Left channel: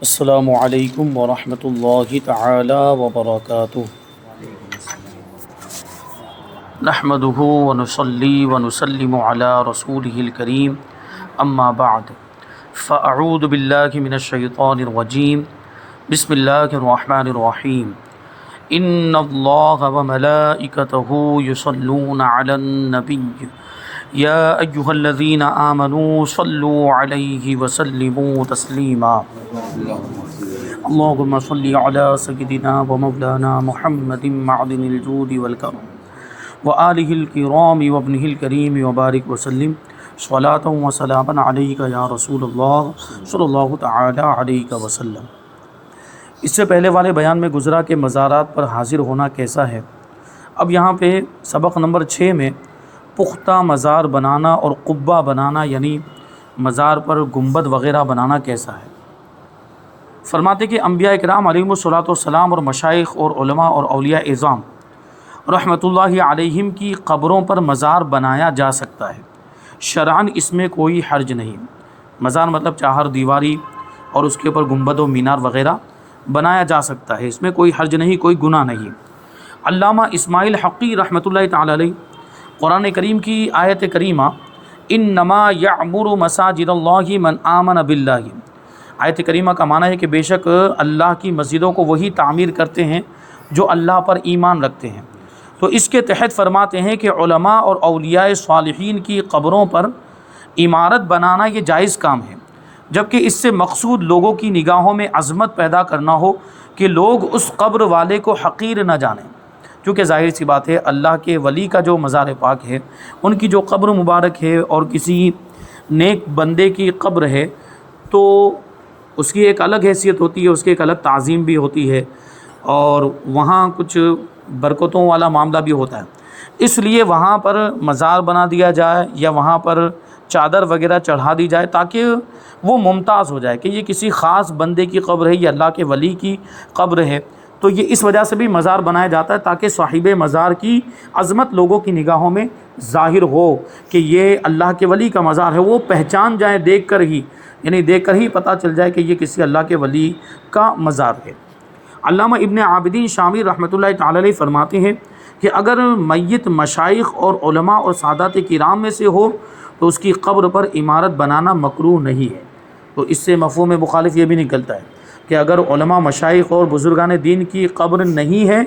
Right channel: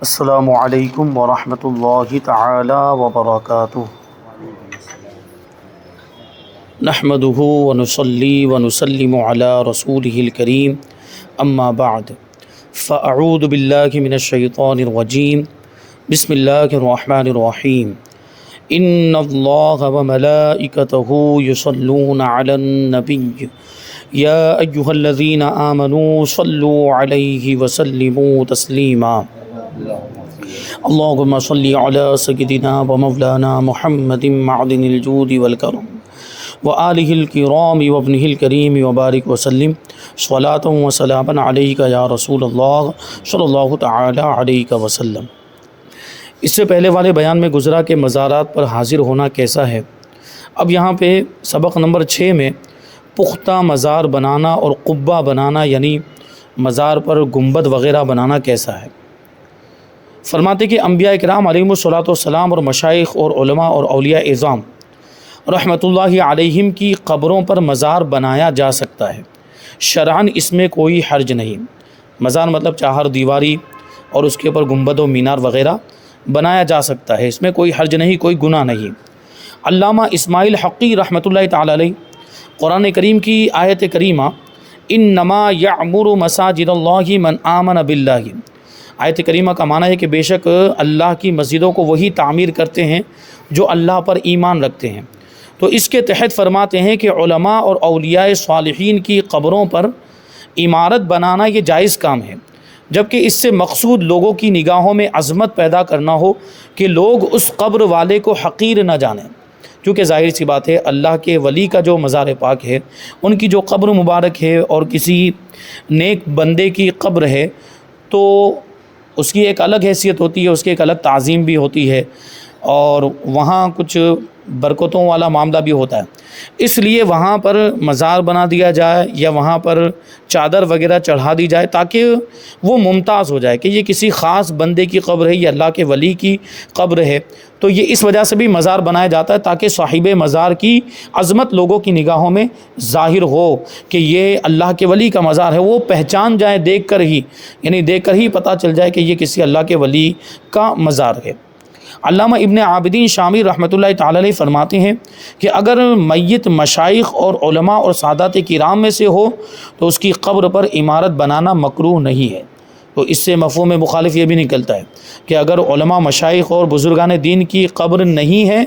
السلام علیکم ورحمۃ اللہ تعالی وبرکاتہ۔ نحمدہ ونصلی ونسلم علی رسولہ الکریم، اما بعد فاعوذ باللہ من الشیطان الرجیم، بسم اللہ الرحمن الرحیم۔ ان اللہ وملائکتہ یصلون علی النبی یا ایہا الذین آمنوا صلوا علیہ وسلموا تسلیما۔ اللہم صلی علی سیدنا و مولانا محمد معدن الجود والکرم وآلہ الکرام وابنہ الکریم وبارک وسلم صلاۃ و سلاما علیک یا رسول اللہ صلی اللہ تعالی علیہ وسلم۔ اس سے پہلے والے بیان میں گزرا کہ مزارات پر حاضر ہونا کیسا ہے۔ اب یہاں پہ سبق نمبر 6 میں پختہ مزار بنانا اور قبہ بنانا یعنی مزار پر گنبد وغیرہ بنانا کیسا ہے۔ فرماتے کہ انبیاء کرام علیہم الصلوۃ والسلام اور مشائخ اور علماء اور اولیاء اعظام رحمۃ اللہ علیہم کی قبروں پر مزار بنایا جا سکتا ہے، شرعاً اس میں کوئی حرج نہیں۔ مزار مطلب چہار دیواری اور اس کے اوپر گنبد و مینار وغیرہ بنایا جا سکتا ہے، اس میں کوئی حرج نہیں، کوئی گناہ نہیں۔ علامہ اسماعیل حقی رحمۃ اللہ تعالی علیہ قرآن کریم کی آیت کریمہ انما یعمر مساجد اللہ من آمن باللہ، آیت کریمہ کا معنی ہے کہ بے شک اللہ کی مسجدوں کو وہی تعمیر کرتے ہیں جو اللہ پر ایمان رکھتے ہیں۔ تو اس کے تحت فرماتے ہیں کہ علماء اور اولیاء صالحین کی قبروں پر عمارت بنانا یہ جائز کام ہے، جبکہ اس سے مقصود لوگوں کی نگاہوں میں عظمت پیدا کرنا ہو کہ لوگ اس قبر والے کو حقیر نہ جانیں، کیونکہ ظاہر سی بات ہے اللہ کے ولی کا جو مزار پاک ہے، ان کی جو قبر مبارک ہے اور کسی نیک بندے کی قبر ہے تو اس کی ایک الگ حیثیت ہوتی ہے، اس کی ایک الگ تعظیم بھی ہوتی ہے اور وہاں کچھ برکتوں والا معاملہ بھی ہوتا ہے۔ اس لیے وہاں پر مزار بنا دیا جائے یا وہاں پر چادر وغیرہ چڑھا دی جائے تاکہ وہ ممتاز ہو جائے کہ یہ کسی خاص بندے کی قبر ہے یا اللہ کے ولی کی قبر ہے، تو یہ اس وجہ سے بھی مزار بنایا جاتا ہے تاکہ صاحب مزار کی عظمت لوگوں کی نگاہوں میں ظاہر ہو کہ یہ اللہ کے ولی کا مزار ہے، وہ پہچان جائیں دیکھ کر ہی، یعنی دیکھ کر ہی پتہ چل جائے کہ یہ کسی اللہ کے ولی کا مزار ہے۔ علامہ ابن عابدین شامی رحمۃ اللہ تعالی علیہ فرماتے ہیں کہ اگر میت مشائخ اور علماء اور سادات کرام میں سے ہو تو اس کی قبر پر عمارت بنانا مکروہ نہیں ہے۔ تو اس سے مفہوم مخالف یہ بھی نکلتا ہے کہ اگر علماء مشائخ اور بزرگان دین کی قبر نہیں ہے،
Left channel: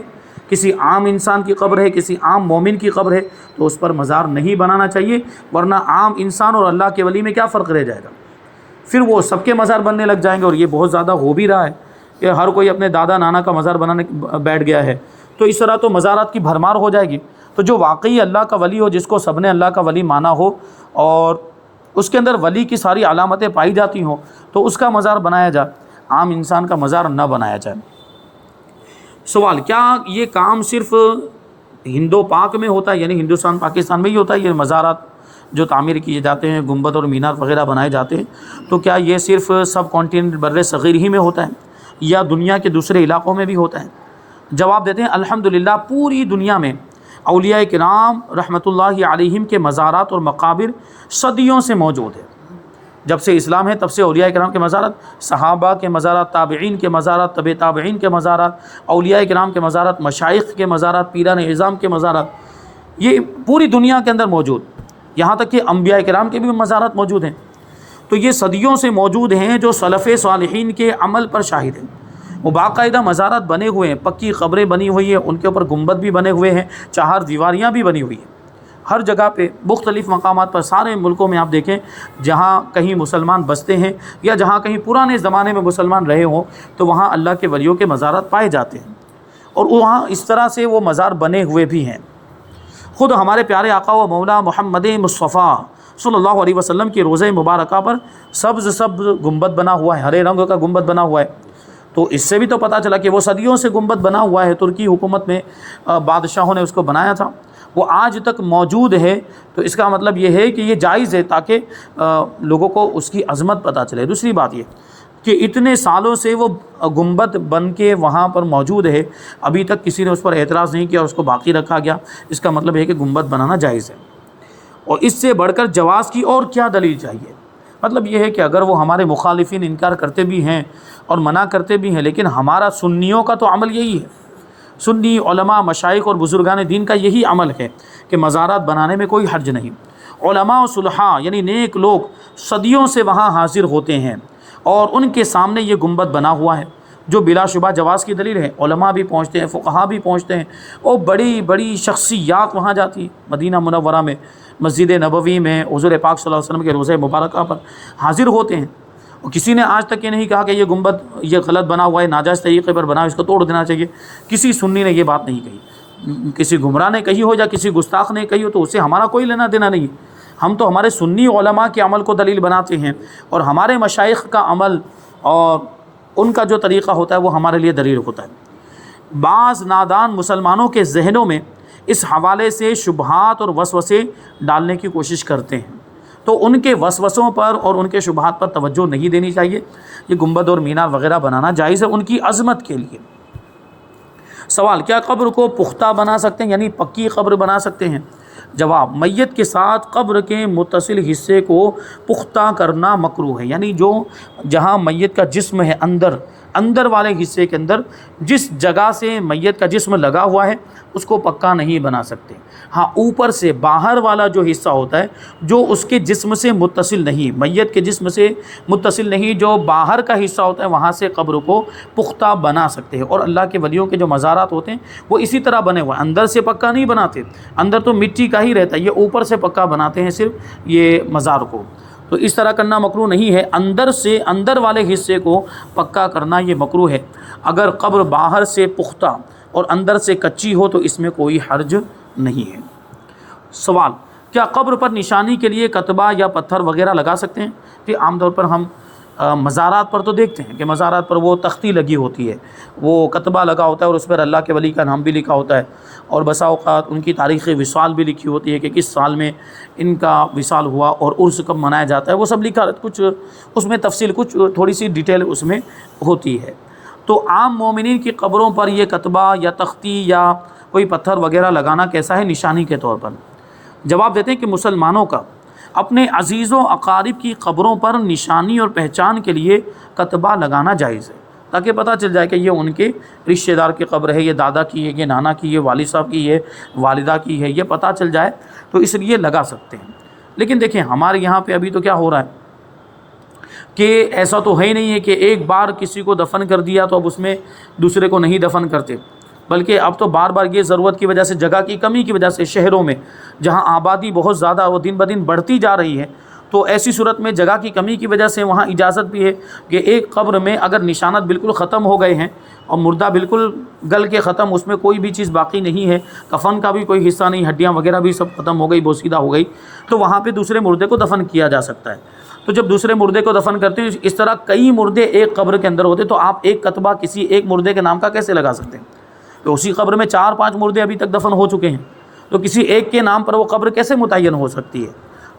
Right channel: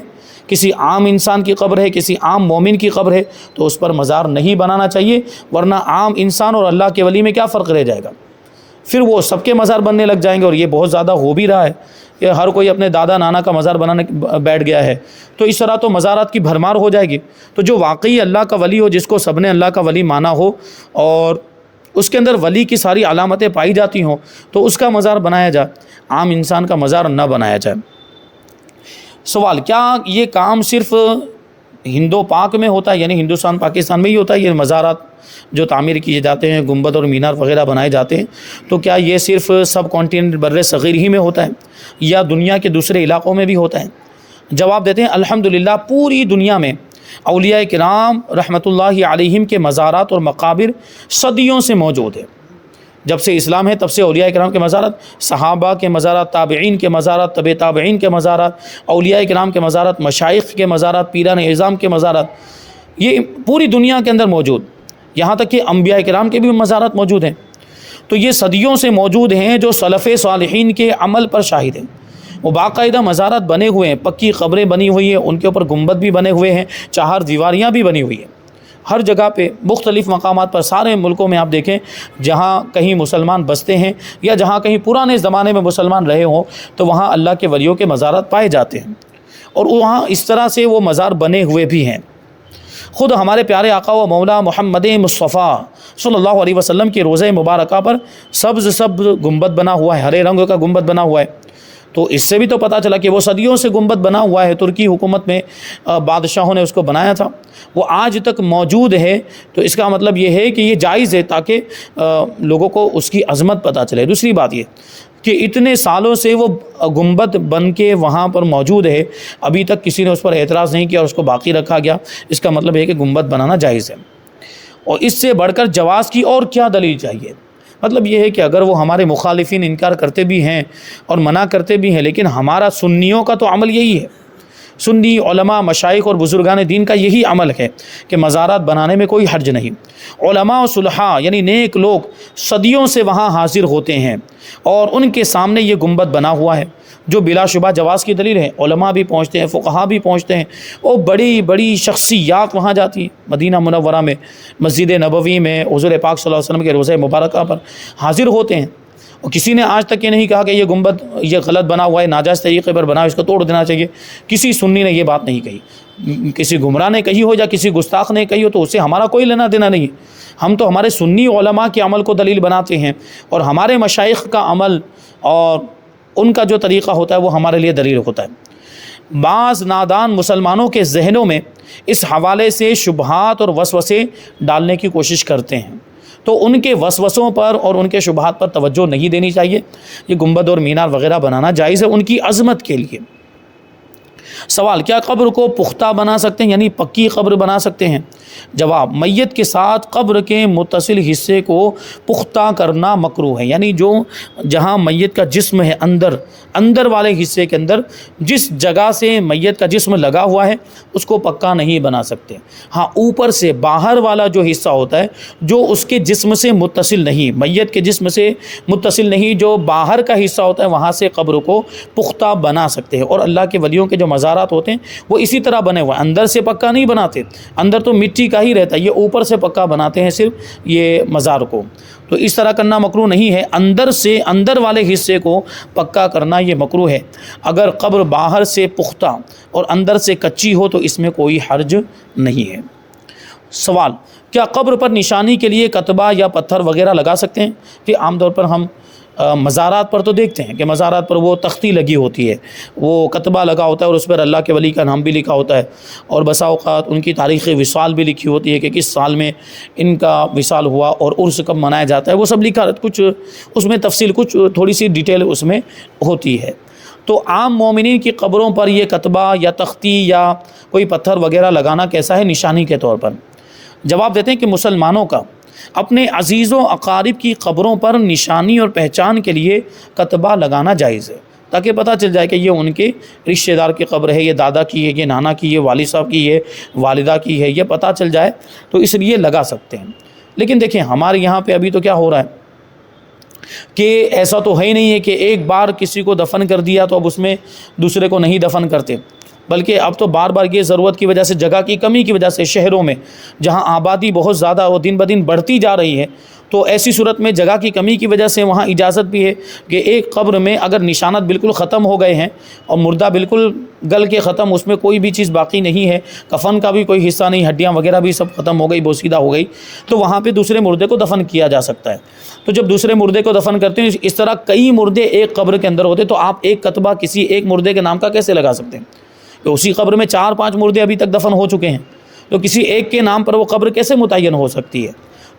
کسی عام انسان کی قبر ہے، کسی عام مومن کی قبر ہے، تو اس پر مزار نہیں بنانا چاہیے، ورنہ عام انسان اور اللہ کے ولی میں کیا فرق رہ جائے گا، پھر وہ سب کے مزار بننے لگ جائیں گے، اور یہ بہت زیادہ ہو بھی رہا ہے کہ ہر کوئی اپنے دادا نانا کا مزار بنانے بیٹھ گیا ہے، تو اس طرح تو مزارات کی بھرمار ہو جائے گی۔ تو جو واقعی اللہ کا ولی ہو، جس کو سب نے اللہ کا ولی مانا ہو اور اس کے اندر ولی کی ساری علامتیں پائی جاتی ہوں، تو اس کا مزار بنایا جائے، عام انسان کا مزار نہ بنایا جائے۔ سوال، کیا یہ کام صرف ہندو پاک میں ہوتا ہے، یعنی ہندوستان پاکستان میں ہی ہوتا ہے یہ مزارات جو تعمیر کیے جاتے ہیں، گنبد اور مینار وغیرہ بنائے جاتے ہیں، تو کیا یہ صرف سب کانٹیننٹ بر صغیر ہی میں ہوتا ہے یا دنیا کے دوسرے علاقوں میں بھی ہوتا ہے؟ جواب دیتے ہیں الحمدللہ پوری دنیا میں اولیاء کرام رحمۃ اللہ علیہم کے مزارات اور مقابر صدیوں سے موجود ہے۔ جب سے اسلام ہے تب سے اولیاء کرام کے مزارات، صحابہ کے مزارات، تابعین کے مزارات، تبع تابعین کے مزارات، اولیاء کرام کے مزارات، مشائخ کے مزارات، پیران اعظام کے مزارات، یہ پوری دنیا کے اندر موجود، یہاں تک کہ انبیاء کرام کے بھی مزارات موجود ہیں۔ تو یہ صدیوں سے موجود ہیں، جو سلف صالحین کے عمل پر شاہد ہیں۔ وہ باقاعدہ مزارات بنے ہوئے ہیں، پکی قبریں بنی ہوئی ہیں، ان کے اوپر گنبد بھی بنے ہوئے ہیں، چہار دیواریاں بھی بنی ہوئی ہیں، ہر جگہ پہ مختلف مقامات پر، سارے ملکوں میں آپ دیکھیں جہاں کہیں مسلمان بستے ہیں یا جہاں کہیں پرانے زمانے میں مسلمان رہے ہوں تو وہاں اللہ کے ولیوں کے مزارات پائے جاتے ہیں، اور وہاں اس طرح سے وہ مزار بنے ہوئے بھی ہیں۔ خود ہمارے پیارے آقا و مولا محمد مصطفیٰ صلی اللہ علیہ وسلم کی روضہ مبارکہ پر سبز گنبد بنا ہوا ہے، ہرے رنگ کا گنبد بنا ہوا ہے، تو اس سے بھی تو پتہ چلا کہ وہ صدیوں سے گنبد بنا ہوا ہے، ترکی حکومت میں بادشاہوں نے اس کو بنایا تھا، وہ آج تک موجود ہے۔ تو اس کا مطلب یہ ہے کہ یہ جائز ہے تاکہ لوگوں کو اس کی عظمت پتہ چلے۔ دوسری بات یہ کہ اتنے سالوں سے وہ گنبد بن کے وہاں پر موجود ہے، ابھی تک کسی نے اس پر اعتراض نہیں کیا اور اس کو باقی رکھا گیا، اس کا مطلب ہے کہ گنبد بنانا جائز ہے۔ اور اس سے بڑھ کر جواز کی اور کیا دلیل چاہیے؟ مطلب یہ ہے کہ اگر وہ ہمارے مخالفین انکار کرتے بھی ہیں اور منع کرتے بھی ہیں، لیکن ہمارا سنیوں کا تو عمل یہی ہے، سنی علماء، مشائخ اور بزرگان دین کا یہی عمل ہے کہ مزارات بنانے میں کوئی حرج نہیں۔ علماء و صلحاء یعنی نیک لوگ صدیوں سے وہاں حاضر ہوتے ہیں اور ان کے سامنے یہ گنبد بنا ہوا ہے، جو بلا شبہ جواز کی دلیل ہے۔ علماء بھی پہنچتے ہیں، فقہا بھی پہنچتے ہیں، اور بڑی بڑی شخصیات وہاں جاتی ہیں۔ مدینہ منورہ میں، مسجد نبوی میں حضور پاک صلی اللہ علیہ وسلم کے روضہ مبارکہ پر حاضر ہوتے ہیں، اور کسی نے آج تک یہ نہیں کہا کہ یہ گنبد یہ غلط بنا ہوا ہے، ناجائز طریقے پر بنا ہے، اس کو توڑ دینا چاہیے۔ کسی سنی نے یہ بات نہیں کہی، کسی گمراہ نے کہی ہو یا کسی گستاخ نے کہی ہو تو اس سے ہمارا کوئی لینا دینا نہیں ہے۔ ہم تو ہمارے سنی علماء کے عمل کو دلیل بناتے ہیں، اور ہمارے مشائخ کا عمل اور ان کا جو طریقہ ہوتا ہے وہ ہمارے لیے دلیل ہوتا ہے۔ بعض نادان مسلمانوں کے ذہنوں میں اس حوالے سے شبہات اور وسوسے ڈالنے کی کوشش کرتے ہیں، تو ان کے وسوسوں پر اور ان کے شبہات پر توجہ نہیں دینی چاہیے۔ یہ گنبد اور مینار وغیرہ بنانا جائز ہے ان کی عظمت کے لیے۔ سوال، کیا قبر کو پختہ بنا سکتے ہیں، یعنی پکی قبر بنا سکتے ہیں؟ جواب، میت کے ساتھ قبر کے متصل حصے کو پختہ کرنا مکروہ ہے، یعنی جو جہاں میت کا جسم ہے، اندر والے حصے کے اندر جس جگہ سے میت کا جسم لگا ہوا ہے اس کو پکا نہیں بنا سکتے۔ ہاں، اوپر سے باہر والا جو حصہ ہوتا ہے جو اس کے جسم سے متصل نہیں، میت کے جسم سے متصل نہیں، جو باہر کا حصہ ہوتا ہے وہاں سے قبر کو پختہ بنا سکتے ہیں۔ اور اللہ کے ولیوں کے جو مزارات ہوتے ہیں وہ اسی طرح بنے ہوئے ہیں، اندر سے پکا نہیں بناتے، اندر تو مٹی کا ہی رہتا ہے، یہ اوپر سے پکا بناتے ہیں صرف یہ مزار کو۔ تو اس طرح کرنا مکروہ نہیں ہے، اندر والے حصے کو پکا کرنا یہ مکروہ ہے۔ اگر قبر باہر سے پختہ اور اندر سے کچی ہو تو اس میں کوئی حرج نہیں ہے۔ سوال، کیا قبر پر نشانی کے لیے کتبہ یا پتھر وغیرہ لگا سکتے ہیں؟ کہ عام طور پر ہم مزارات پر تو دیکھتے ہیں کہ مزارات پر وہ تختی لگی ہوتی ہے، وہ کتبہ لگا ہوتا ہے اور اس پر اللہ کے ولی کا نام بھی لکھا ہوتا ہے، اور بسا اوقات ان کی تاریخ وصال بھی لکھی ہوتی ہے کہ کس سال میں ان کا وصال ہوا اور عرس کب منایا جاتا ہے، وہ سب لکھا، کچھ اس میں تفصیل، کچھ تھوڑی سی ڈیٹیل اس میں ہوتی ہے۔ تو عام مومنین کی قبروں پر یہ کتبہ یا تختی یا کوئی پتھر وغیرہ لگانا کیسا ہے نشانی کے طور پر؟ جواب دیتے ہیں کہ مسلمانوں کا اپنے عزیز و اقارب کی قبروں پر نشانی اور پہچان کے لیے کتبہ لگانا جائز ہے، تاکہ پتہ چل جائے کہ یہ ان کے رشتہ دار کی قبر ہے، یہ دادا کی ہے، یہ نانا کی، یہ والد صاحب کی، یہ والدہ کی ہے، یہ پتہ چل جائے تو اس لیے لگا سکتے ہیں۔ لیکن دیکھیں ہمارے یہاں پہ ابھی تو کیا ہو رہا ہے کہ ایسا تو ہے ہی نہیں ہے کہ ایک بار کسی کو دفن کر دیا تو اب اس میں دوسرے کو نہیں دفن کرتے، بلکہ اب تو بار بار یہ ضرورت کی وجہ سے، جگہ کی کمی کی وجہ سے شہروں میں جہاں آبادی بہت زیادہ وہ دن بدن بڑھتی جا رہی ہے، تو ایسی صورت میں جگہ کی کمی کی وجہ سے وہاں اجازت بھی ہے کہ ایک قبر میں اگر نشانات بالکل ختم ہو گئے ہیں اور مردہ بالکل گل کے ختم، اس میں کوئی بھی چیز باقی نہیں ہے، کفن کا بھی کوئی حصہ نہیں، ہڈیاں وغیرہ بھی سب ختم ہو گئی، بوسیدہ ہو گئی، تو وہاں پہ دوسرے مردے کو دفن کیا جا سکتا ہے۔ تو جب دوسرے مردے کو دفن کرتے ہیں، اس طرح کئی مردے ایک قبر کے اندر ہوتے، تو آپ ایک کتبہ کسی ایک مردے کے نام کا کیسے لگا سکتے ہیں؟ تو اسی قبر میں 4-5 مردے ابھی تک دفن ہو چکے ہیں، تو کسی ایک کے نام پر وہ قبر کیسے متعین ہو سکتی ہے؟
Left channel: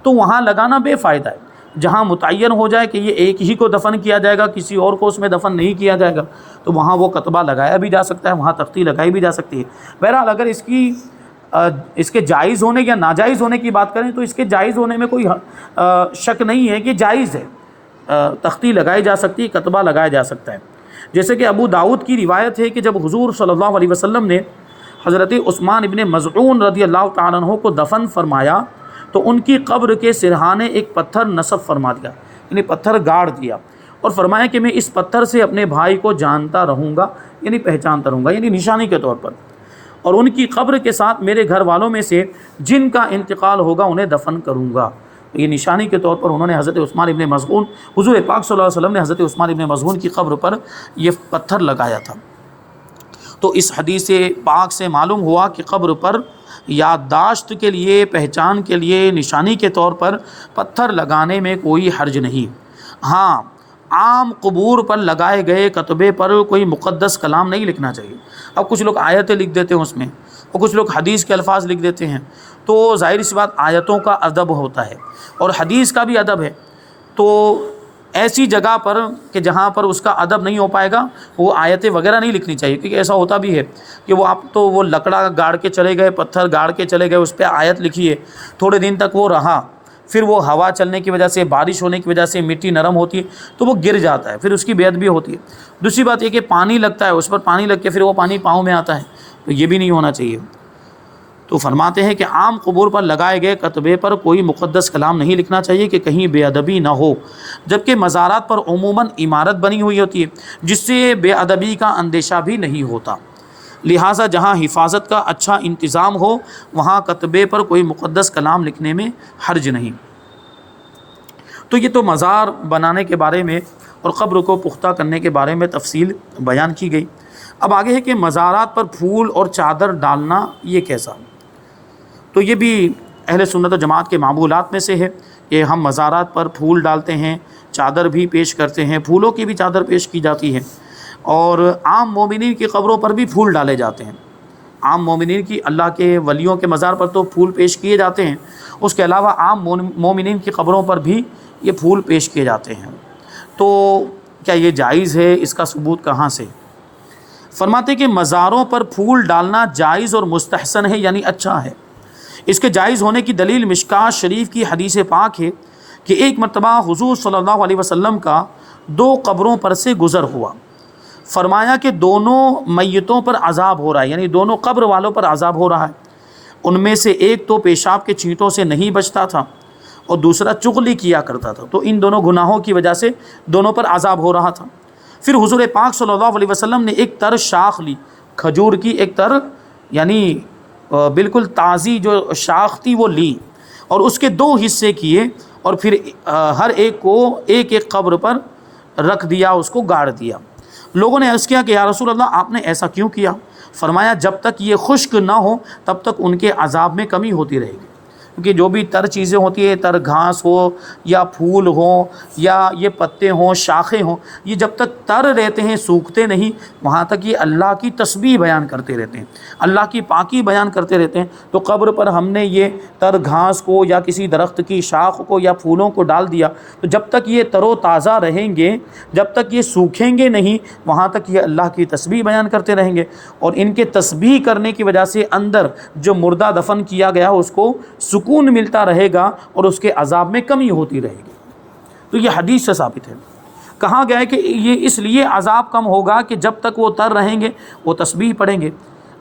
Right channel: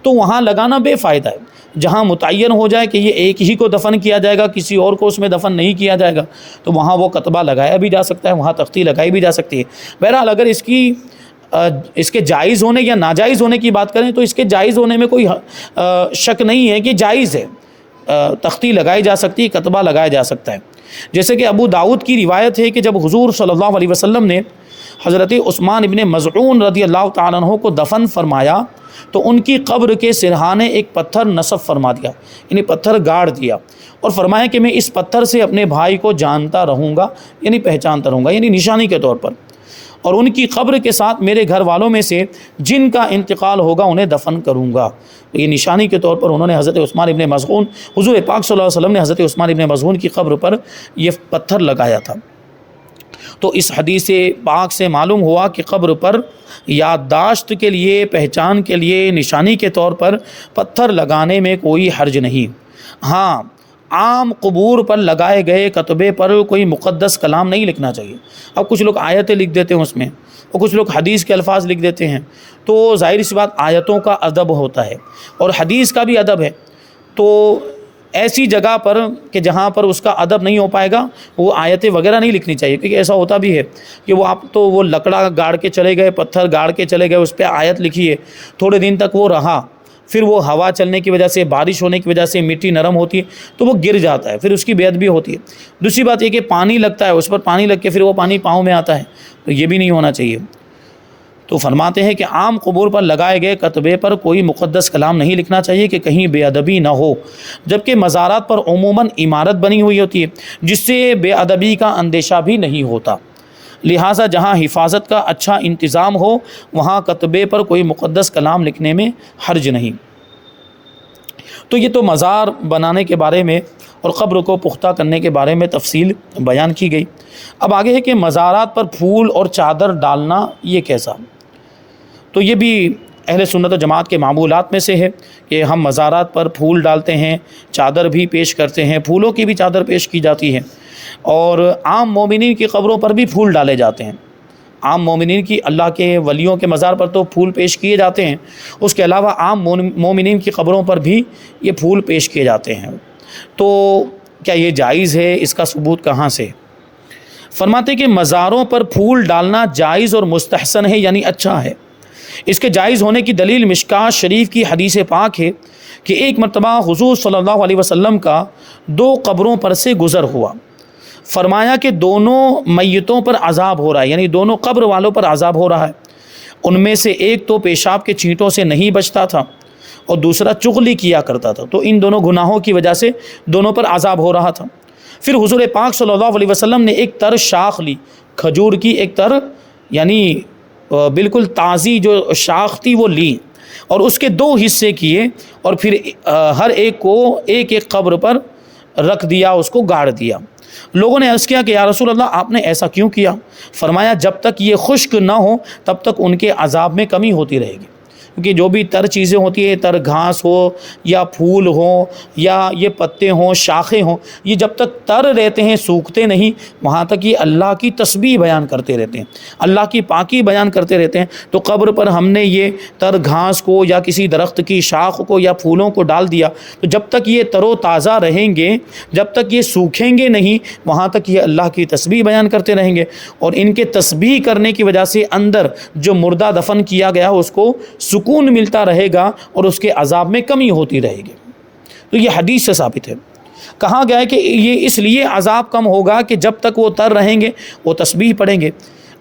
تو وہاں لگانا بے فائدہ ہے۔ جہاں متعین ہو جائے کہ یہ ایک ہی کو دفن کیا جائے گا، کسی اور کو اس میں دفن نہیں کیا جائے گا، تو وہاں وہ کتبہ لگایا بھی جا سکتا ہے، وہاں تختی لگائی بھی جا سکتی ہے۔ بہرحال اگر اس کے جائز ہونے یا ناجائز ہونے کی بات کریں تو اس کے جائز ہونے میں کوئی شک نہیں ہے کہ جائز ہے، تختی لگائی جا سکتی ہے، کتبہ لگایا جا سکتا ہے۔ جیسے کہ ابو داؤد کی روایت ہے کہ جب حضور صلی اللہ علیہ وسلم نے حضرت عثمان ابن مظعون رضی اللہ تعالیٰ عنہ کو دفن فرمایا تو ان کی قبر کے سرہانے ایک پتھر نصب فرما دیا، یعنی پتھر گاڑ دیا، اور فرمایا کہ میں اس پتھر سے اپنے بھائی کو جانتا رہوں گا، یعنی پہچانتا رہوں گا، یعنی نشانی کے طور پر، اور ان کی قبر کے ساتھ میرے گھر والوں میں سے جن کا انتقال ہوگا انہیں دفن کروں گا۔ یہ نشانی کے طور پر انہوں نے حضرت عثمان ابن مظعون، حضور پاک صلی اللہ علیہ وسلم نے حضرت عثمان ابن مظعون کی قبر پر یہ پتھر لگایا تھا۔ تو اس حدیث پاک سے معلوم ہوا کہ قبر پر یادداشت کے لیے، پہچان کے لیے، نشانی کے طور پر پتھر لگانے میں کوئی حرج نہیں۔ ہاں، عام قبور پر لگائے گئے کتبے پر کوئی مقدس کلام نہیں لکھنا چاہیے۔ اب کچھ لوگ آیتیں لکھ دیتے ہیں اس میں، اور کچھ لوگ حدیث کے الفاظ لکھ دیتے ہیں، تو ظاہر سی بات آیتوں کا ادب ہوتا ہے اور حدیث کا بھی ادب ہے، تو ایسی جگہ پر کہ جہاں پر اس کا ادب نہیں ہو پائے گا وہ آیتیں وغیرہ نہیں لکھنی چاہیے، کیونکہ ایسا ہوتا بھی ہے کہ وہ آپ تو وہ لکڑا گاڑ کے چلے گئے، پتھر گاڑ کے چلے گئے، اس پہ آیت لکھی ہے، تھوڑے دن تک وہ رہا، پھر وہ ہوا چلنے کی وجہ سے، بارش ہونے کی وجہ سے مٹی نرم ہوتی ہے تو وہ گر جاتا ہے، پھر اس کی بے ادبی ہوتی ہے۔ دوسری بات یہ کہ پانی لگتا ہے، اس پر پانی لگ کے پھر وہ پانی پاؤں میں آتا ہے، تو یہ بھی نہیں ہونا چاہیے۔ تو فرماتے ہیں کہ عام قبور پر لگائے گئے کتبے پر کوئی مقدس کلام نہیں لکھنا چاہیے کہ کہیں بے ادبی نہ ہو، جبکہ مزارات پر عموماً عمارت بنی ہوئی ہوتی ہے جس سے بے ادبی کا اندیشہ بھی نہیں ہوتا، لہٰذا جہاں حفاظت کا اچھا انتظام ہو وہاں کتبے پر کوئی مقدس کلام لکھنے میں حرج نہیں۔ تو یہ تو مزار بنانے کے بارے میں اور قبر کو پختہ کرنے کے بارے میں تفصیل بیان کی گئی۔ اب آگے ہے کہ مزارات پر پھول اور چادر ڈالنا یہ کیسا؟ تو یہ بھی اہل سنت و جماعت کے معمولات میں سے ہے کہ ہم مزارات پر پھول ڈالتے ہیں، چادر بھی پیش کرتے ہیں، پھولوں کی بھی چادر پیش کی جاتی ہے، اور عام مومنین کی قبروں پر بھی پھول ڈالے جاتے ہیں۔ عام مومنین کی، اللہ کے ولیوں کے مزار پر تو پھول پیش کیے جاتے ہیں، اس کے علاوہ عام مومنین کی قبروں پر بھی یہ پھول پیش کیے جاتے ہیں۔ تو کیا یہ جائز ہے؟ اس کا ثبوت کہاں سے؟ فرماتے کہ مزاروں پر پھول ڈالنا جائز اور مستحسن ہے، یعنی اچھا ہے۔ اس کے جائز ہونے کی دلیل مشکات شریف کی حدیث پاک ہے کہ ایک مرتبہ حضور صلی اللہ علیہ وسلم کا 2 قبروں پر سے گزر ہوا، فرمایا کہ دونوں میتوں پر عذاب ہو رہا ہے، یعنی دونوں قبر والوں پر عذاب ہو رہا ہے۔ ان میں سے ایک تو پیشاب کے چھینٹوں سے نہیں بچتا تھا اور دوسرا چغلی کیا کرتا تھا، تو ان دونوں گناہوں کی وجہ سے دونوں پر عذاب ہو رہا تھا۔ پھر حضور پاک صلی اللہ علیہ وسلم نے ایک تر شاخ لی، کھجور کی ایک تر، یعنی بالکل تازی جو شاخ تھی وہ لی، اور اس کے 2 حصے کیے، اور پھر ہر ایک کو ایک ایک قبر پر رکھ دیا، اس کو گاڑ دیا۔ لوگوں نے عرض کیا کہ یا رسول اللہ آپ نے ایسا کیوں کیا؟ فرمایا جب تک یہ خشک نہ ہو تب تک ان کے عذاب میں کمی ہوتی رہے گی، کیونکہ جو بھی تر چیزیں ہوتی ہیں، تر گھاس ہو یا پھول ہوں یا یہ پتے ہوں، شاخیں ہوں، یہ جب تک تر رہتے ہیں، سوکھتے نہیں، وہاں تک یہ اللہ کی تسبیح بیان کرتے رہتے ہیں، اللہ کی پاکی بیان کرتے رہتے ہیں۔ تو قبر پر ہم نے یہ تر گھاس کو یا کسی درخت کی شاخ کو یا پھولوں کو ڈال دیا، تو جب تک یہ تر و تازہ رہیں گے، جب تک یہ سوکھیں گے نہیں، وہاں تک یہ اللہ کی تسبیح بیان کرتے رہیں گے، اور ان کے تسبیح کرنے کی وجہ سے اندر جو مردہ دفن کیا گیا اس کو سکون ملتا رہے گا اور اس کے عذاب میں کمی ہوتی رہے گی۔ تو یہ حدیث سے ثابت ہے۔ کہا گیا ہے کہ یہ اس لیے عذاب کم ہوگا کہ جب تک وہ تر رہیں گے وہ تسبیح پڑھیں گے۔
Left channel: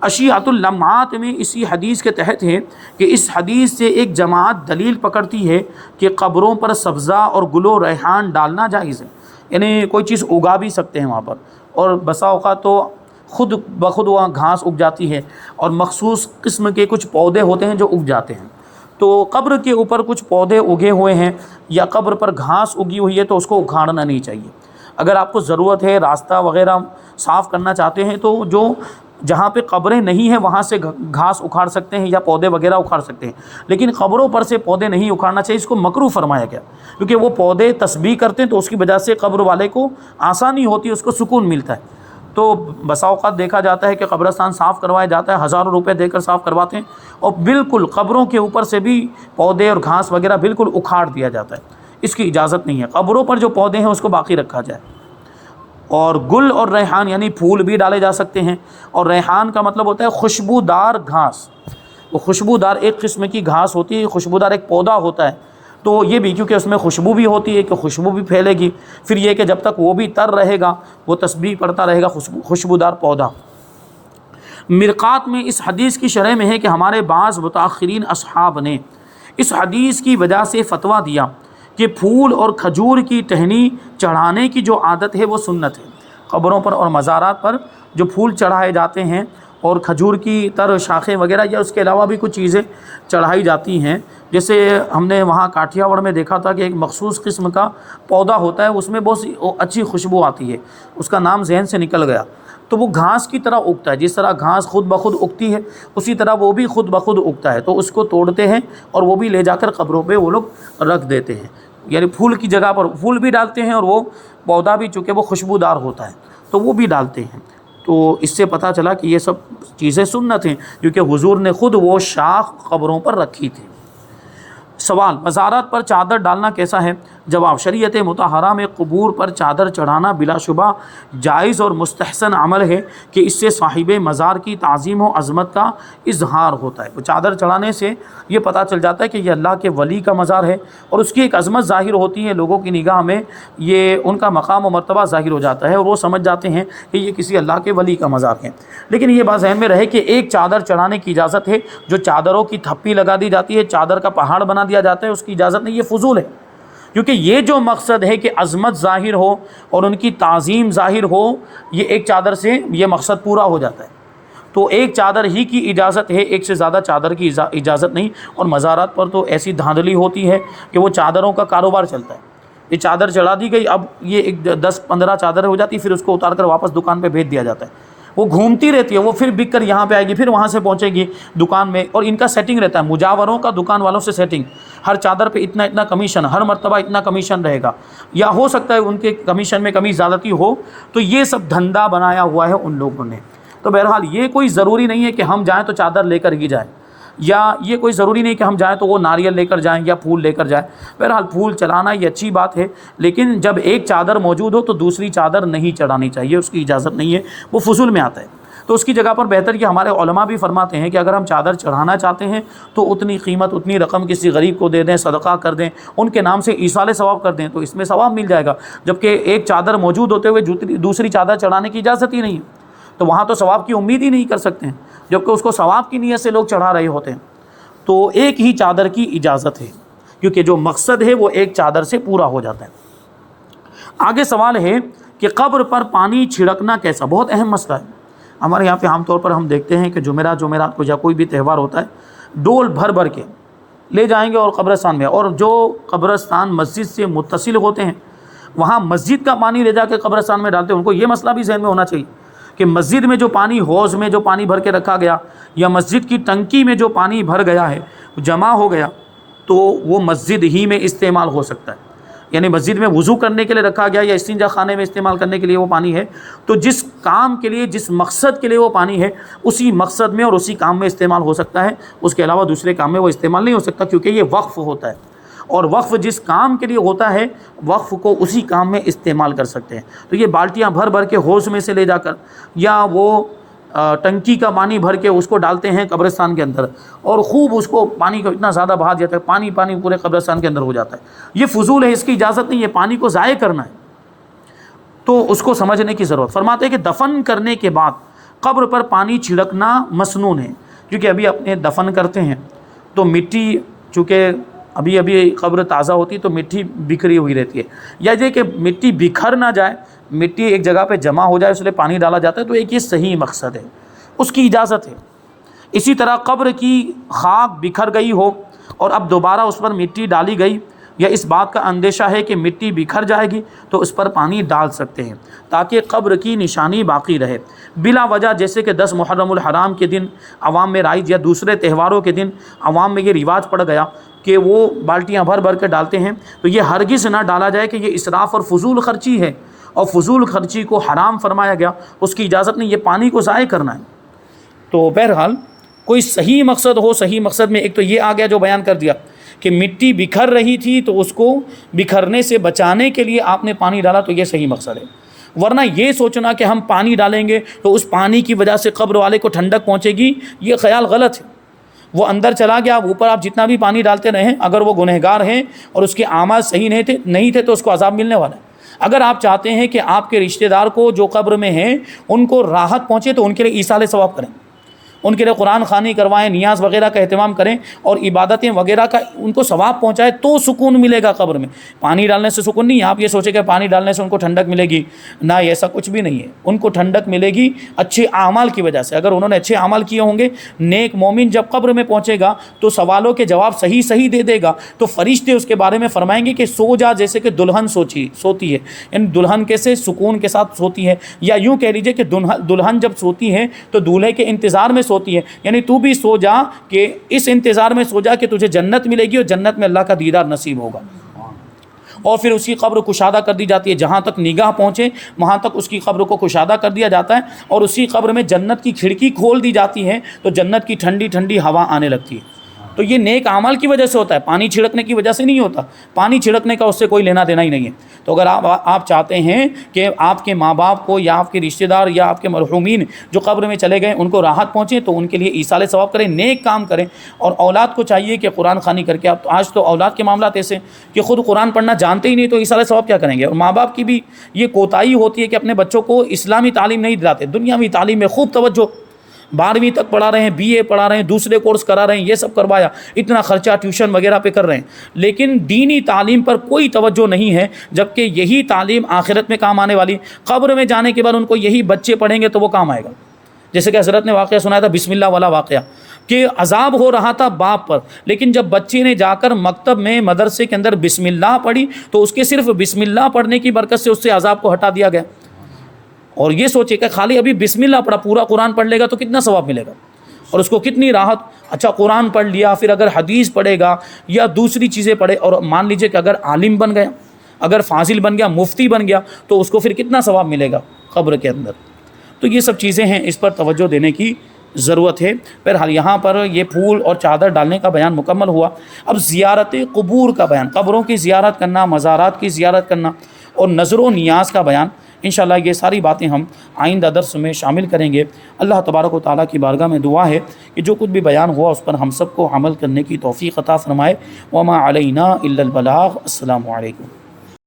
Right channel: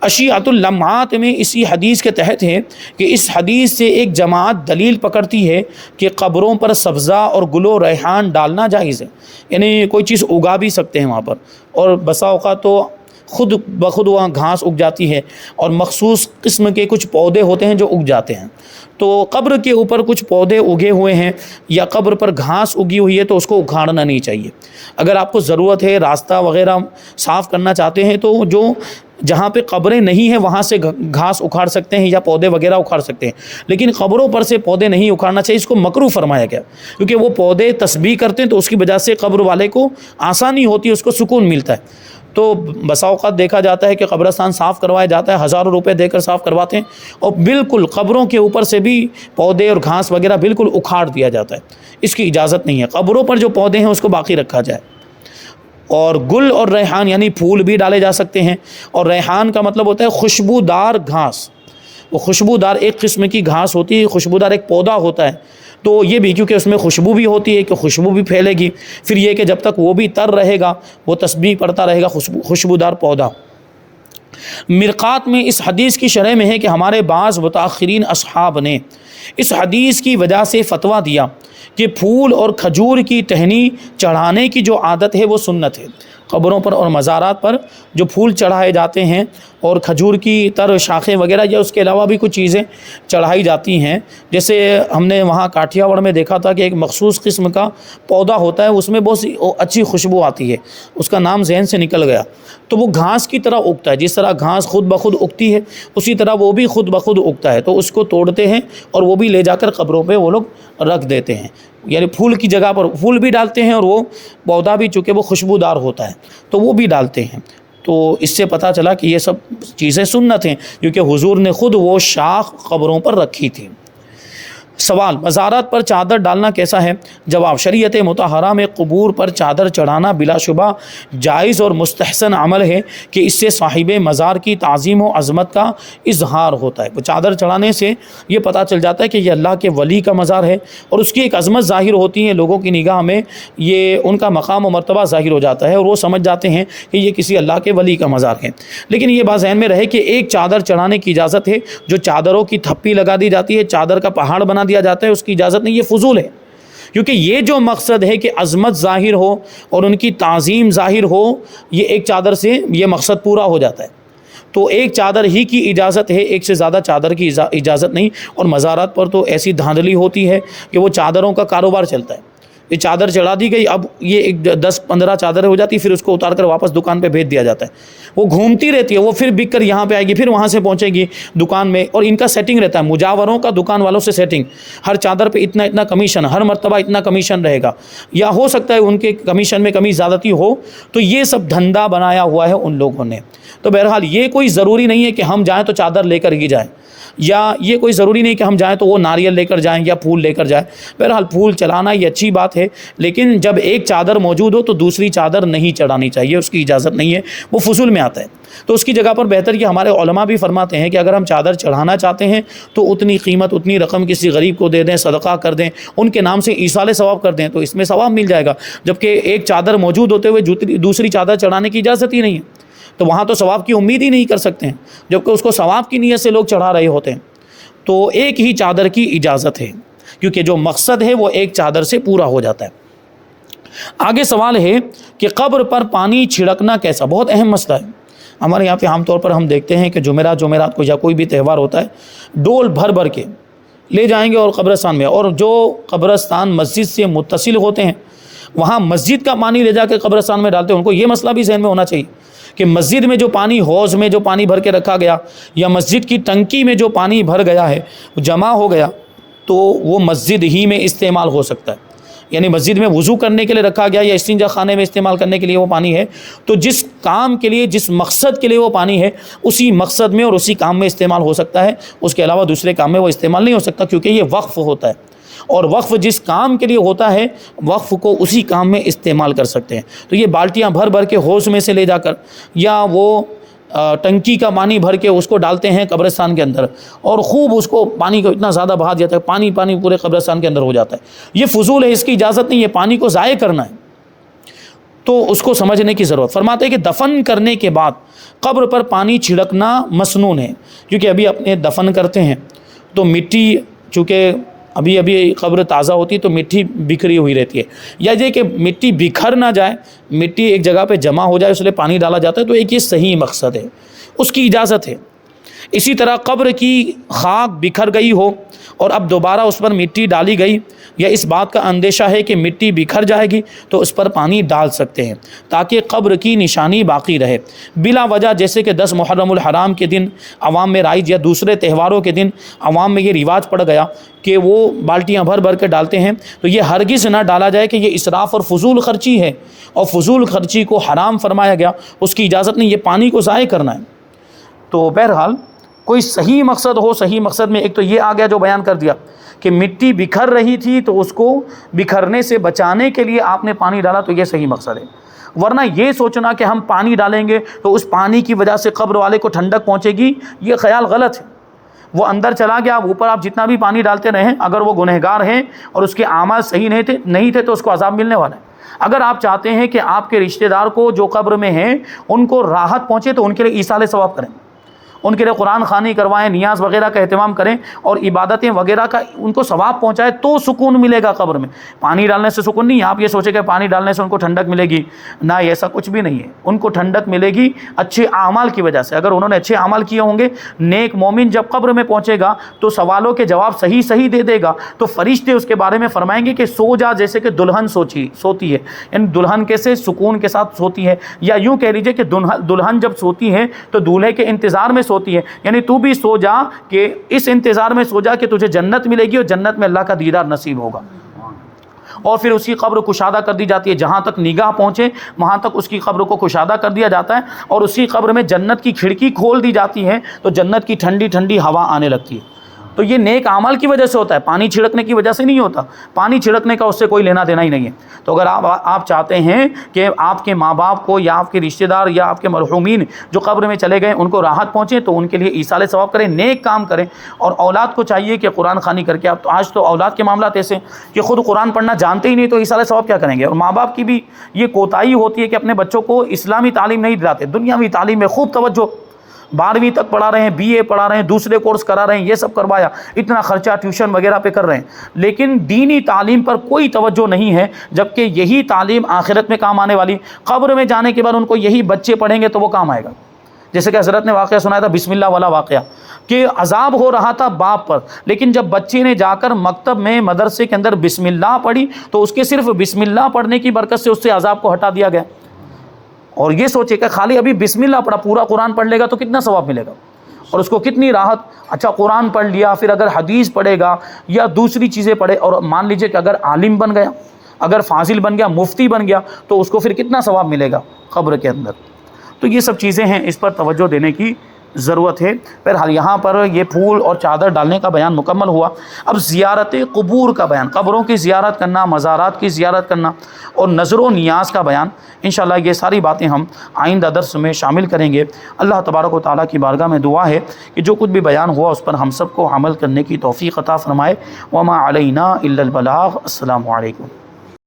اشیعۃ اللمعات میں اسی حدیث کے تحت ہے کہ اس حدیث سے ایک جماعت دلیل پکڑتی ہے کہ قبروں پر سبزہ اور گل و ریحان ڈالنا جائز ہے، یعنی کوئی چیز اگا بھی سکتے ہیں وہاں پر، اور بسا اوقات تو خود بخود وہاں گھاس اگ جاتی ہے، اور مخصوص قسم کے کچھ پودے ہوتے ہیں جو اگ جاتے ہیں۔ تو قبر کے اوپر کچھ پودے اگے ہوئے ہیں یا قبر پر گھاس اگی ہوئی ہے تو اس کو اکھاڑنا نہیں چاہیے۔ اگر آپ کو ضرورت ہے، راستہ وغیرہ صاف کرنا چاہتے ہیں، تو جو جہاں پہ قبریں نہیں ہیں وہاں سے گھاس اکھاڑ سکتے ہیں یا پودے وغیرہ اکھاڑ سکتے ہیں، لیکن قبروں پر سے پودے نہیں اکھاڑنا چاہیے۔ اس کو مکروہ فرمایا گیا، کیونکہ وہ پودے تسبیح کرتے ہیں تو اس کی وجہ سے قبر والے کو آسانی ہوتی ہے، اس کو سکون ملتا ہے۔ تو بسا اوقات دیکھا جاتا ہے کہ قبرستان صاف کروایا جاتا ہے، ہزاروں روپے دے کر صاف کرواتے ہیں، اور بالکل قبروں کے اوپر سے بھی پودے اور گھاس وغیرہ بالکل اکھاڑ دیا جاتا ہے۔ اس کی اجازت نہیں ہے، قبروں پر جو پودے ہیں اس کو باقی رکھا جائے۔ اور گل اور ریحان یعنی پھول بھی ڈالے جا سکتے ہیں، اور ریحان کا مطلب ہوتا ہے خوشبودار گھاس، وہ خوشبودار ایک قسم کی گھاس ہوتی ہے، خوشبودار ایک پودا ہوتا ہے، تو یہ بھی کیونکہ اس میں خوشبو بھی ہوتی ہے کہ خوشبو بھی پھیلے گی، پھر یہ کہ جب تک وہ بھی تر رہے گا وہ تسبیح پڑھتا رہے گا، خوشبودار پودا۔ مرقات میں اس حدیث کی شرح میں ہے کہ ہمارے بعض متاخرین اصحاب نے اس حدیث کی وجہ سے فتویٰ دیا کہ پھول اور کھجور کی ٹہنی چڑھانے کی جو عادت ہے وہ سنت ہے۔ قبروں پر اور مزارات پر جو پھول چڑھائے جاتے ہیں اور کھجور کی تر شاخیں وغیرہ یا اس کے علاوہ بھی کچھ چیزیں چڑھائی جاتی ہیں، جیسے ہم نے وہاں کاٹھیاواڑ میں دیکھا تھا کہ ایک مخصوص قسم کا پودا ہوتا ہے، اس میں بہت سی اچھی خوشبو آتی ہے، اس کا نام ذہن سے نکل گیا، تو وہ گھاس کی طرح اگتا ہے، جس طرح گھاس خود بخود اگتی ہے اسی طرح وہ بھی خود بخود اگتا ہے، تو اس کو توڑتے ہیں اور وہ بھی لے جا کر قبروں پہ وہ لوگ رکھ دیتے ہیں، یعنی پھول کی جگہ پر پھول بھی ڈالتے ہیں، اور وہ پودا بھی چونکہ وہ خوشبودار ہوتا ہے تو وہ بھی ڈالتے ہیں۔ تو اس سے پتہ چلا کہ یہ سب چیزیں سنت ہیں، کیونکہ حضور نے خود وہ شاخ قبروں پر رکھی تھی۔ سوال: مزارات پر چادر ڈالنا کیسا ہے؟ جواب: شریعت مطہرہ میں قبور پر چادر چڑھانا بلا شبہ جائز اور مستحسن عمل ہے کہ اس سے صاحب مزار کی تعظیم و عظمت کا اظہار ہوتا ہے۔ وہ چادر چڑھانے سے یہ پتہ چل جاتا ہے کہ یہ اللہ کے ولی کا مزار ہے اور اس کی ایک عظمت ظاہر ہوتی ہے، لوگوں کی نگاہ میں یہ ان کا مقام و مرتبہ ظاہر ہو جاتا ہے اور وہ سمجھ جاتے ہیں کہ یہ کسی اللہ کے ولی کا مزار ہے۔ لیکن یہ بات ذہن میں رہے کہ ایک چادر چڑھانے کی اجازت ہے، جو چادروں کی تھپی لگا دی جاتی ہے، چادر کا پہاڑ بنا دیا جاتا ہے، اس کی اجازت نہیں، یہ فضول ہے، کیونکہ یہ جو مقصد ہے کہ عظمت ظاہر ہو اور ان کی تعظیم ظاہر ہو، یہ ایک چادر سے یہ مقصد پورا ہو جاتا ہے۔ تو ایک چادر ہی کی اجازت ہے، ایک سے زیادہ چادر کی اجازت نہیں۔ اور مزارات پر تو ایسی دھاندلی ہوتی ہے کہ وہ چادروں کا کاروبار چلتا ہے، یہ چادر چڑھا دی گئی، اب یہ ایک 10-15 چادریں ہو جاتی، پھر اس کو اتار کر واپس دکان پہ بھیج دیا جاتا ہے، وہ گھومتی رہتی ہے، وہ پھر بک کر یہاں پہ آئے گی، پھر وہاں سے پہنچے گی دکان میں، اور ان کا سیٹنگ رہتا ہے، مجاوروں کا دکان والوں سے سیٹنگ، ہر چادر پہ اتنا کمیشن، ہر مرتبہ اتنا کمیشن رہے گا، یا ہو سکتا ہے ان کے کمیشن میں کمی زیادتی ہو، تو یہ سب دھندا بنایا ہوا ہے ان لوگوں نے۔ تو بہرحال یہ کوئی ضروری نہیں ہے کہ ہم جائیں تو چادر لے کر ہی جائیں، یا یہ کوئی ضروری نہیں کہ ہم جائیں تو وہ ناریل لے کر جائیں یا پھول لے کر جائیں۔ بہرحال پھول چلانا یہ اچھی بات ہے، لیکن جب ایک چادر موجود ہو تو دوسری چادر نہیں چڑھانی چاہیے، اس کی اجازت نہیں ہے، وہ فضول میں آتا ہے۔ تو اس کی جگہ پر بہتر کہ ہمارے علماء بھی فرماتے ہیں کہ اگر ہم چادر چڑھانا چاہتے ہیں تو اتنی قیمت، اتنی رقم کسی غریب کو دے دیں، صدقہ کر دیں، ان کے نام سے ایصال ثواب کر دیں، تو اس میں ثواب مل جائے گا، جبکہ ایک چادر موجود ہوتے ہوئے دوسری چادر چڑھانے کی اجازت ہی نہیں ہے، تو وہاں تو ثواب کی امید ہی نہیں کر سکتے ہیں، جبکہ اس کو ثواب کی نیت سے لوگ چڑھا رہے ہوتے ہیں۔ تو ایک ہی چادر کی اجازت ہے، کیونکہ جو مقصد ہے وہ ایک چادر سے پورا ہو جاتا ہے۔ آگے سوال ہے کہ قبر پر پانی چھڑکنا کیسا؟ بہت اہم مسئلہ ہے۔ ہمارے یہاں پہ عام طور پر ہم دیکھتے ہیں کہ جمعرات کو یا کوئی بھی تہوار ہوتا ہے، ڈول بھر بھر کے لے جائیں گے اور قبرستان میں، اور جو قبرستان مسجد سے متصل ہوتے ہیں وہاں مسجد کا پانی لے جا کے قبرستان میں ڈالتے ہیں۔ ان کو یہ مسئلہ بھی ذہن میں ہونا چاہیے کہ مسجد میں جو پانی، حوض میں جو پانی بھر کے رکھا گیا، یا مسجد کی ٹنکی میں جو پانی بھر گیا ہے، جمع ہو گیا، تو وہ مسجد ہی میں استعمال ہو سکتا ہے، یعنی مسجد میں وضو کرنے کے لیے رکھا گیا یا استنجا خانے میں استعمال کرنے کے لیے وہ پانی ہے، تو جس کام کے لیے، جس مقصد کے لیے وہ پانی ہے، اسی مقصد میں اور اسی کام میں استعمال ہو سکتا ہے، اس کے علاوہ دوسرے کام میں وہ استعمال نہیں ہو سکتا، کیونکہ یہ وقف ہوتا ہے، اور وقف جس کام کے لیے ہوتا ہے، وقف کو اسی کام میں استعمال کر سکتے ہیں۔ تو یہ بالٹیاں بھر بھر کے حوض میں سے لے جا کر، یا وہ ٹنکی کا پانی بھر کے اس کو ڈالتے ہیں قبرستان کے اندر، اور خوب اس کو پانی کو اتنا زیادہ بہا دیا جاتا ہے، پانی پورے قبرستان کے اندر ہو جاتا ہے، یہ فضول ہے، اس کی اجازت نہیں ہے، پانی کو ضائع کرنا ہے، تو اس کو سمجھنے کی ضرورت۔ فرماتے ہیں کہ دفن کرنے کے بعد قبر پر پانی چھڑکنا مسنون ہے، کیونکہ ابھی اپنے دفن کرتے ہیں تو مٹی، چونکہ ابھی قبر تازہ ہوتی تو مٹی بکھری ہوئی رہتی ہے، یا یہ کہ مٹی بکھر نہ جائے، مٹی ایک جگہ پہ جمع ہو جائے، اس لیے پانی ڈالا جاتا ہے، تو ایک یہ صحیح مقصد ہے، اس کی اجازت ہے۔ اسی طرح قبر کی خاک بکھر گئی ہو اور اب دوبارہ اس پر مٹی ڈالی گئی، یا اس بات کا اندیشہ ہے کہ مٹی بکھر جائے گی، تو اس پر پانی ڈال سکتے ہیں تاکہ قبر کی نشانی باقی رہے بلا وجہ، جیسے کہ 10 محرم الحرام کے دن عوام میں رائج، یا دوسرے تہواروں کے دن عوام میں یہ رواج پڑ گیا کہ وہ بالٹیاں بھر بھر کے ڈالتے ہیں، تو یہ ہرگز نہ ڈالا جائے کہ یہ اسراف اور فضول خرچی ہے، اور فضول خرچی کو حرام فرمایا گیا، اس کی اجازت نہیں، یہ پانی کو ضائع کرنا ہے۔ تو بہرحال کوئی صحیح مقصد ہو، صحیح مقصد میں ایک تو یہ آ گیا جو بیان کر دیا کہ مٹی بکھر رہی تھی تو اس کو بکھرنے سے بچانے کے لیے آپ نے پانی ڈالا، تو یہ صحیح مقصد ہے۔ ورنہ یہ سوچنا کہ ہم پانی ڈالیں گے تو اس پانی کی وجہ سے قبر والے کو ٹھنڈک پہنچے گی، یہ خیال غلط ہے۔ وہ اندر چلا گیا، اوپر آپ جتنا بھی پانی ڈالتے رہیں، اگر وہ گنہگار ہیں اور اس کے اعمال صحیح نہیں تھے تو اس کو عذاب ملنے والا ہے۔ اگر آپ چاہتے ہیں کہ آپ کے رشتہ دار کو جو قبر میں ہیں ان کو راحت پہنچے، تو ان کے لیے ایصال ثواب کریں، ان کے لیے قرآن خوانی کروائیں، نیاز وغیرہ کا اہتمام کریں، اور عبادتیں وغیرہ کا ان کو ثواب پہنچائے، تو سکون ملے گا قبر میں۔ پانی ڈالنے سے سکون نہیں ہے، آپ یہ سوچیں کہ پانی ڈالنے سے ان کو ٹھنڈک ملے گی، نہ، ایسا کچھ بھی نہیں ہے۔ ان کو ٹھنڈک ملے گی اچھے اعمال کی وجہ سے، اگر انہوں نے اچھے اعمال کیے ہوں گے۔ نیک مومن جب قبر میں پہنچے گا تو سوالوں کے جواب صحیح دے دے گا، تو فرشتے اس کے بارے میں فرمائیں گے کہ سو جا جیسے کہ دلہن سوتی ہے، یعنی دلہن کیسے سکون کے ساتھ سوتی ہے، یا یوں کہہ لیجئے کہ دلہن جب سوتی ہے تو دولہے کے انتظار میں سوتی ہے، یعنی تو بھی سو جا کہ اس انتظار میں سو جا کہ تجھے جنت ملے گی اور جنت میں اللہ کا دیدار نصیب ہوگا۔ اور پھر اسی قبر کشادہ کر دی جاتی ہے، جہاں تک نگاہ پہنچے وہاں تک اس کی قبر کو کشادہ کر دیا جاتا ہے، اور اسی قبر میں جنت کی کھڑکی کھول دی جاتی ہے، تو جنت کی ٹھنڈی ٹھنڈی ہوا آنے لگتی ہے۔ تو تو یہ نیک اعمال کی وجہ سے ہوتا ہے، پانی چھڑکنے کی وجہ سے نہیں ہوتا، پانی چھڑکنے کا اس سے کوئی لینا دینا ہی نہیں ہے۔ تو اگر آپ چاہتے ہیں کہ آپ کے ماں باپ کو یا آپ کے رشتہ دار یا آپ کے مرحومین جو قبر میں چلے گئے ان کو راحت پہنچے، تو ان کے لیے ایصال ثواب کریں، نیک کام کریں، اور اولاد کو چاہیے کہ قرآن خوانی کر کے، اب تو آج تو اولاد کے معاملات ایسے ہیں کہ خود قرآن پڑھنا جانتے ہی نہیں، تو ایصال ثواب کیا کریں گے؟ اور ماں باپ کی بھی یہ کوتاہی ہوتی ہے کہ اپنے بچوں کو اسلامی تعلیم نہیں دلاتے، دنیاوی تعلیم میں خوب توجہ، 12ویں تک پڑھا رہے ہیں، BA پڑھا رہے ہیں، دوسرے کورس کرا رہے ہیں، یہ سب کروایا، اتنا خرچہ ٹیوشن وغیرہ پہ کر رہے ہیں، لیکن دینی تعلیم پر کوئی توجہ نہیں ہے، جبکہ یہی تعلیم آخرت میں کام آنے والی، قبر میں جانے کے بعد ان کو یہی بچے پڑھیں گے تو وہ کام آئے گا۔ جیسے کہ حضرت نے واقعہ سنایا تھا بسم اللہ والا واقعہ، کہ عذاب ہو رہا تھا باپ پر، لیکن جب بچے نے جا کر مکتب میں مدرسے کے اندر بسم اللہ پڑھی تو اس کے صرف بسم اللہ پڑھنے کی برکت سے اس سے عذاب کو ہٹا دیا گیا۔ اور یہ سوچے کہ خالی ابھی بسم اللہ پڑھا، پورا قرآن پڑھ لے گا تو کتنا ثواب ملے گا اور اس کو کتنی راحت۔ اچھا قرآن پڑھ لیا، پھر اگر حدیث پڑھے گا یا دوسری چیزیں پڑھے، اور مان لیجئے کہ اگر عالم بن گیا، اگر فاضل بن گیا، مفتی بن گیا، تو اس کو پھر کتنا ثواب ملے گا قبر کے اندر۔ تو یہ سب چیزیں ہیں، اس پر توجہ دینے کی ضرورت ہے۔ پھر یہاں پر یہ پھول اور چادر ڈالنے کا بیان مکمل ہوا، اب زیارت قبور کا بیان، قبروں کی زیارت کرنا، مزارات کی زیارت کرنا اور نظر و نیاز کا بیان، انشاءاللہ یہ ساری باتیں ہم آئندہ درس میں شامل کریں گے۔ اللہ تبارک و تعالیٰ کی بارگاہ میں دعا ہے کہ جو کچھ بھی بیان ہوا اس پر ہم سب کو عمل کرنے کی توفیق عطا فرمائے۔ وما علینا الا البلاغ۔ السلام علیکم۔